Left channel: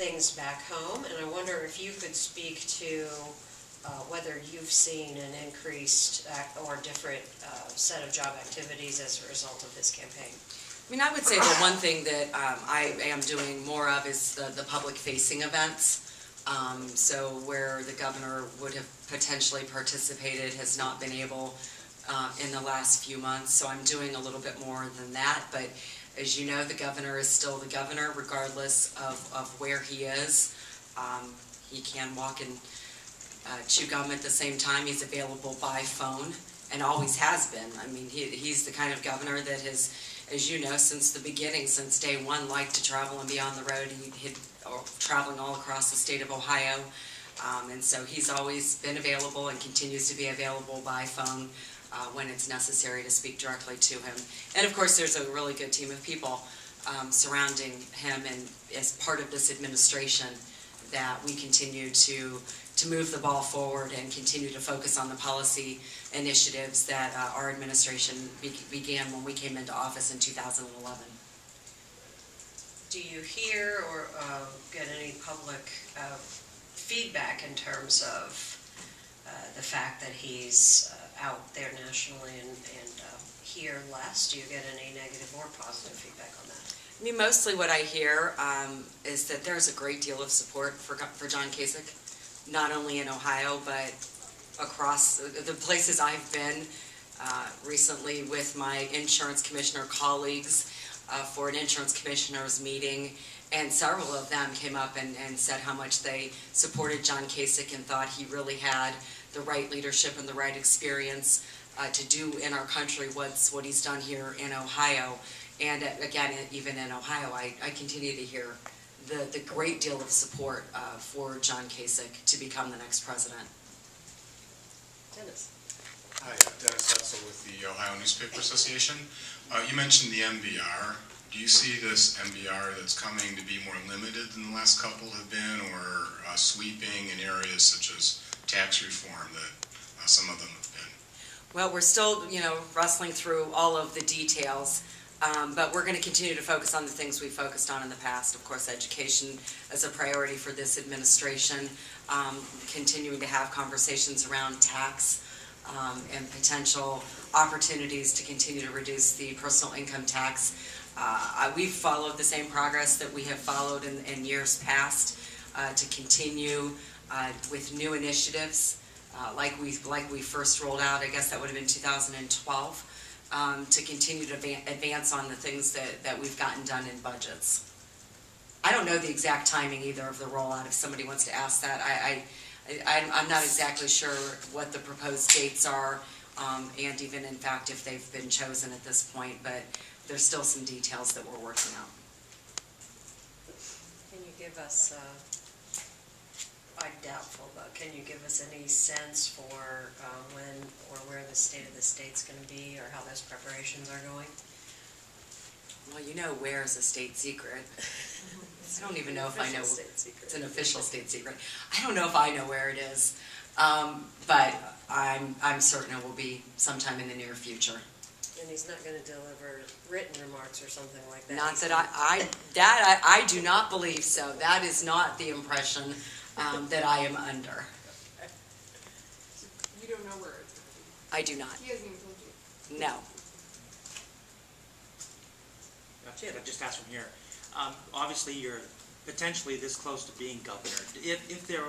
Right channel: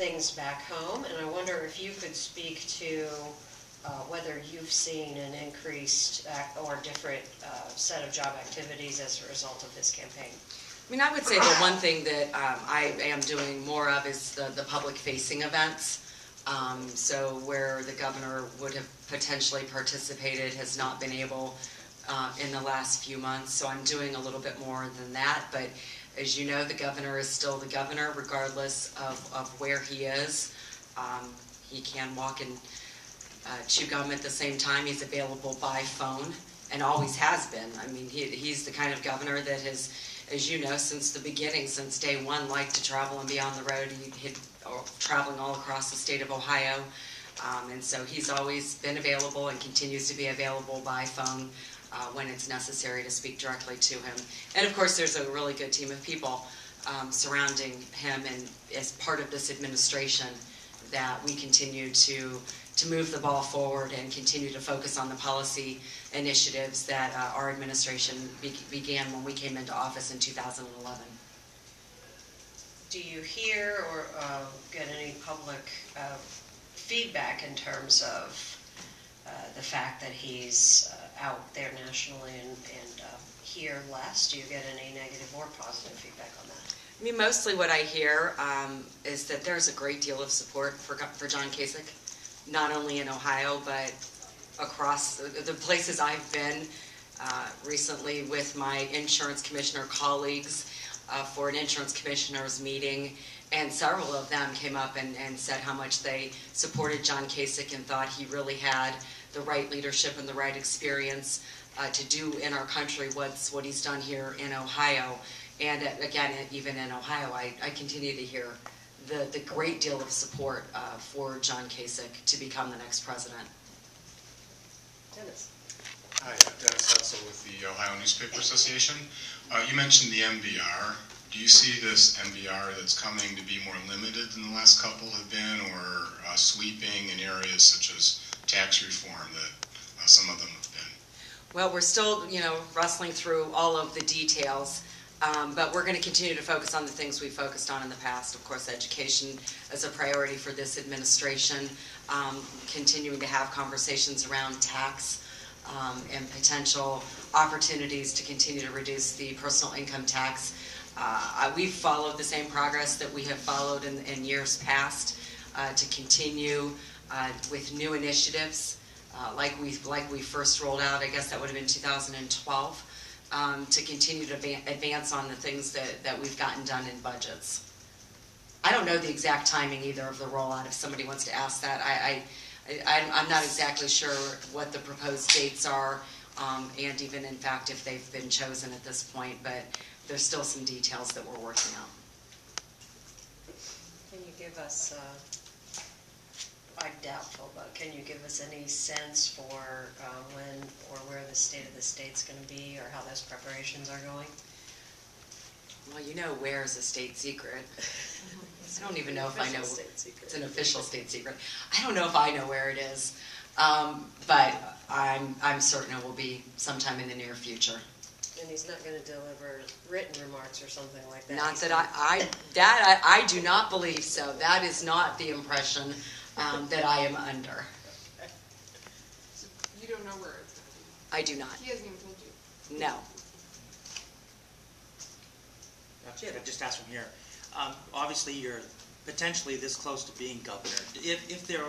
things back home, and I wonder if you could speak to whether you've seen an increased or different set of job activities as a result of this campaign. I mean, I would say the one thing that I am doing more of is the public-facing events. So where the governor would have potentially participated has not been able in the last few months. So I'm doing a little bit more than that. But as you know, the governor is still the governor regardless of where he is. He can walk and chew gum at the same time. He's available by phone and always has been. I mean, he's the kind of governor that has, as you know, since the beginning, since day one, liked to travel and be on the road. He'd traveling all across the state of Ohio. And so he's always been available and continues to be available by phone when it's necessary to speak directly to him. And of course, there's a really good team of people surrounding him, and as part of this administration that we continue to move the ball forward and continue to focus on the policy initiatives that our administration began when we came into office in 2011. Do you hear or get any public feedback in terms of the fact that he's out there nationally and here less? Do you get any negative or positive feedback on that? I mean, mostly what I hear is that there's a great deal of support for John Kasich, not only in Ohio, but across the places I've been recently with my insurance commissioner colleagues for an insurance commissioners meeting, and several of them came up and said how much they supported John Kasich and thought he really had the right leadership and the right experience to do in our country what he's done here in Ohio. And again, even in Ohio, I continue to hear the great deal of support for John Kasich to become the next president. Dennis. Hi, Dennis Hetzel with the Ohio Newspaper Association. You mentioned the MVR. Do you see this MVR that's coming to be more limited than the last couple have been, or sweeping in areas such as tax reform that some of them have been? Well, we're still, wrestling through all of the details. But we're going to continue to focus on the things we focused on in the past. Of course, education as a priority for this administration, continuing to have conversations around tax and potential opportunities to continue to reduce the personal income tax. We've followed the same progress that we have followed in years past to continue with new initiatives like we first rolled out. I guess that would have been 2012. To continue to advance on the things that we've gotten done in budgets. I don't know the exact timing either of the rollout. If somebody wants to ask that, I'm not exactly sure what the proposed dates are, and even in fact if they've been chosen at this point. But there's still some details that we're working out. Can you give us? I'm doubtful, but can you give us any sense for when or where the state of the state's going to be, or how those preparations are going? Well, where is a state secret. I don't even know if I know. It's an official state secret. I don't know if I know where it is, but I'm certain it will be sometime in the near future. And he's not going to deliver written remarks or something like that. Not that I do not believe so. That is not the impression that I am under. You don't know where it's going to be? I do not. He hasn't even told you? No. Jim, I just asked from here. Obviously, you're potentially this close to being governor. If there